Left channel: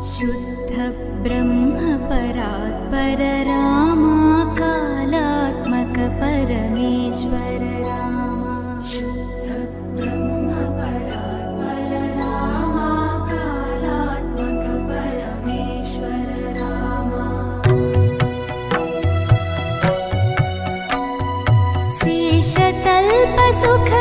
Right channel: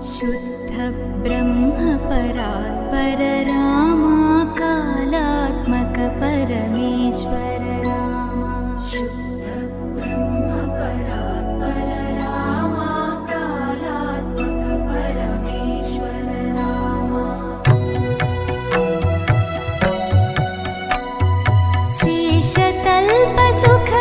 शुद्ध ब्रह्म परात्पर रामा कालात्मक परमेश्वर रामा शुद्ध ब्रह्म परात्पर रामा कालात्मक परमेश्वर रामा शेषतल्प सुख